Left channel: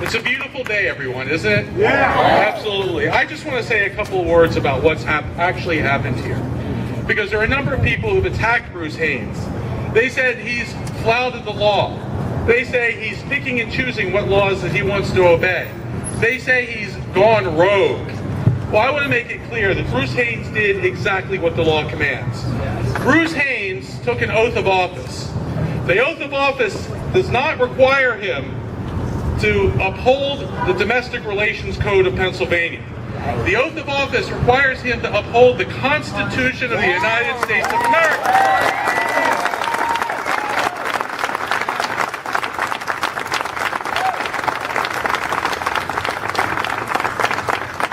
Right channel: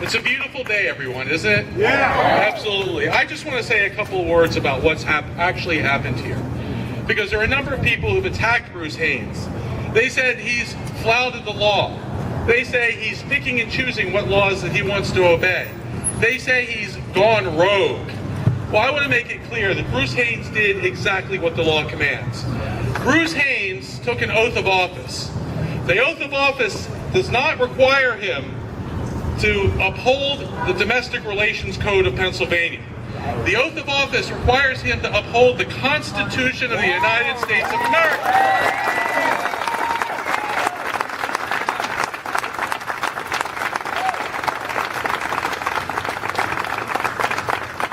It's a beautiful day, everyone, isn't it? Yeah. Absolutely. I just want to say a couple of words about what's actually happened here. Because there are a number of people who've attacked Bruce Haynes. They said he's flouted the law. They say he's picking and choosing what laws that he wants to obey. They say he's gone rogue. Well, I want to make it clear that Bruce Haynes did exactly what the law commands. Bruce Haynes took an oath of office. The oath of office does not require him to uphold the Domestic Relations Code of Pennsylvania. The oath of office requires him to uphold the Constitution of the United States of America.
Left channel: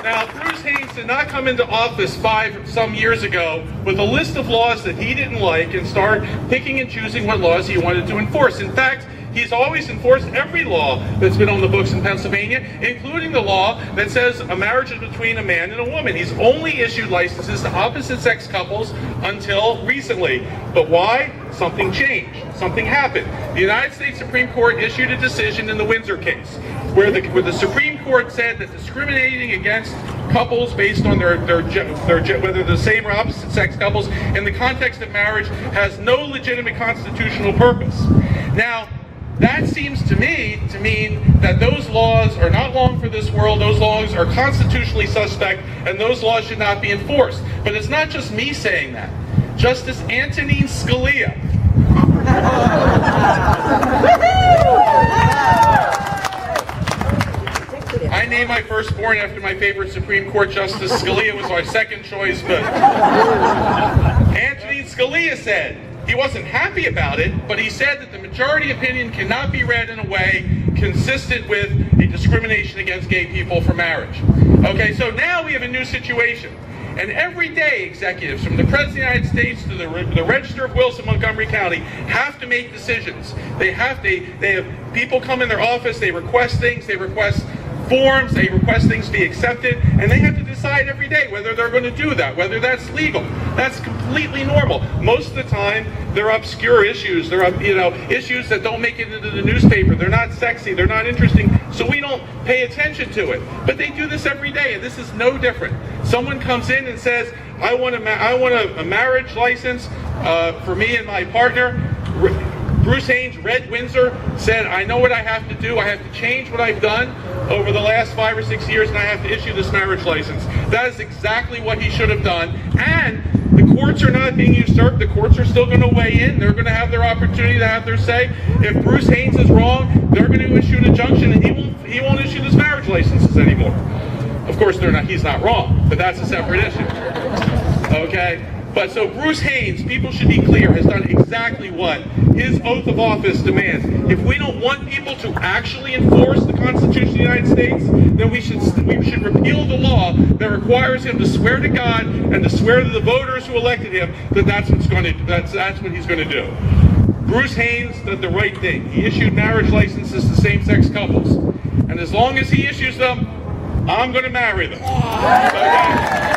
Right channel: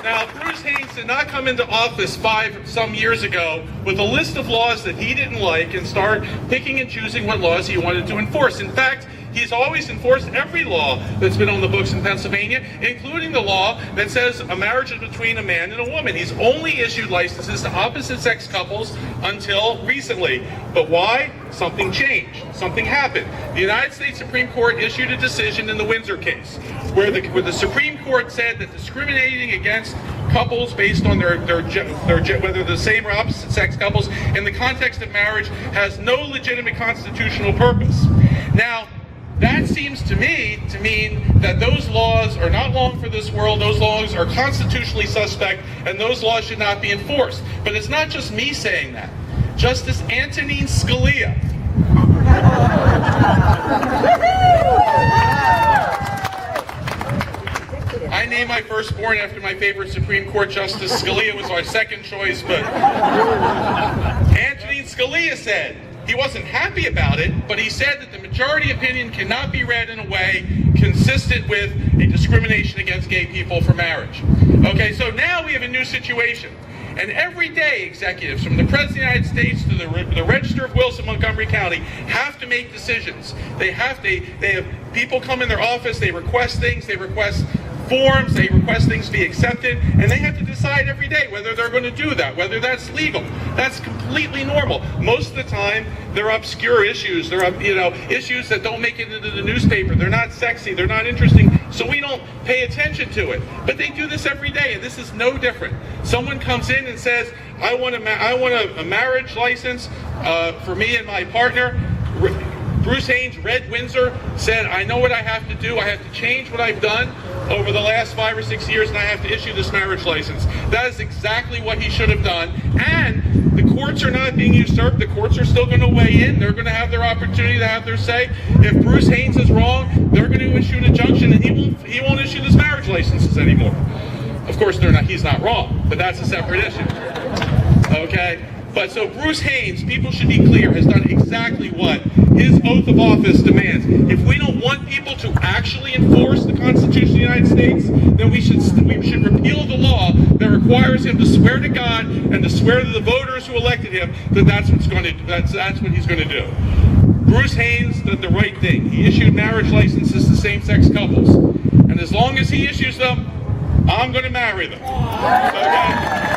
Now, Bruce Haynes did not come into office some years ago with a list of laws that he didn't like and start picking and choosing what laws he wanted to enforce. In fact, he's always enforced every law that's been on the books in Pennsylvania, including the law that says a marriage is between a man and a woman. He's only issued licenses to opposite-sex couples until recently. But why? Something changed. Something happened. The United States Supreme Court issued a decision in the Windsor case where the Supreme Court said that discriminating against couples based on their whether the same or opposite sex couples in the context of marriage has no legitimate constitutional purpose. Now, that seems to me to mean that those laws are not long for this world, those laws are constitutionally suspect, and those laws should not be enforced. But it's not just me saying that. Justice Antonin Scalia I named my firstborn after my favorite Supreme Court Justice. Scalia was my second choice, but Antonin Scalia said he wasn't happy about it, but he said that the majority opinion cannot be read in a way consistent with a discrimination against gay people for marriage. Okay, so now we have a new situation. And every day, executives from the President of the United States to the Register of Wills in Montgomery County have to make decisions. They have people come in their office, they request things, they request forms, they request things to be accepted, and they have to decide every day whether they're going to do that, whether that's legal. That's completely normal. Most of the time, they're obscure issues. They're issues that don't make it into the newspaper. They're not sexy. They're not interesting. So we don't pay attention to it. But they do this every day, and this is no different. Someone comes in and says, "I want a marriage license for me and my partner." Bruce Haynes, Red Windsor, said, "I know what I have to do. I have to change what I've done over the last 5 or 6 years, and I have to issue this marriage license." That is exactly what he should have done. And the courts are not being usurped. The courts are still going to weigh in. They're going to have their opportunity to have their say. If Bruce Haynes is wrong, they're going to issue an injunction, and he won't issue those marriage licenses anymore. Of course, he's not wrong, but that's a separate issue. Okay? But so Bruce Haynes, people should be clear, has done exactly what his oath of office demands. If we don't want people to actually enforce the Constitution of the United States, then we should repeal the law that requires him to swear to God and to swear to the voters who elected him that that's what he's going to do. Bruce Haynes did the right thing. He issued marriage licenses to same-sex couples, and as long as he issues them, I'm going to marry them. Okay?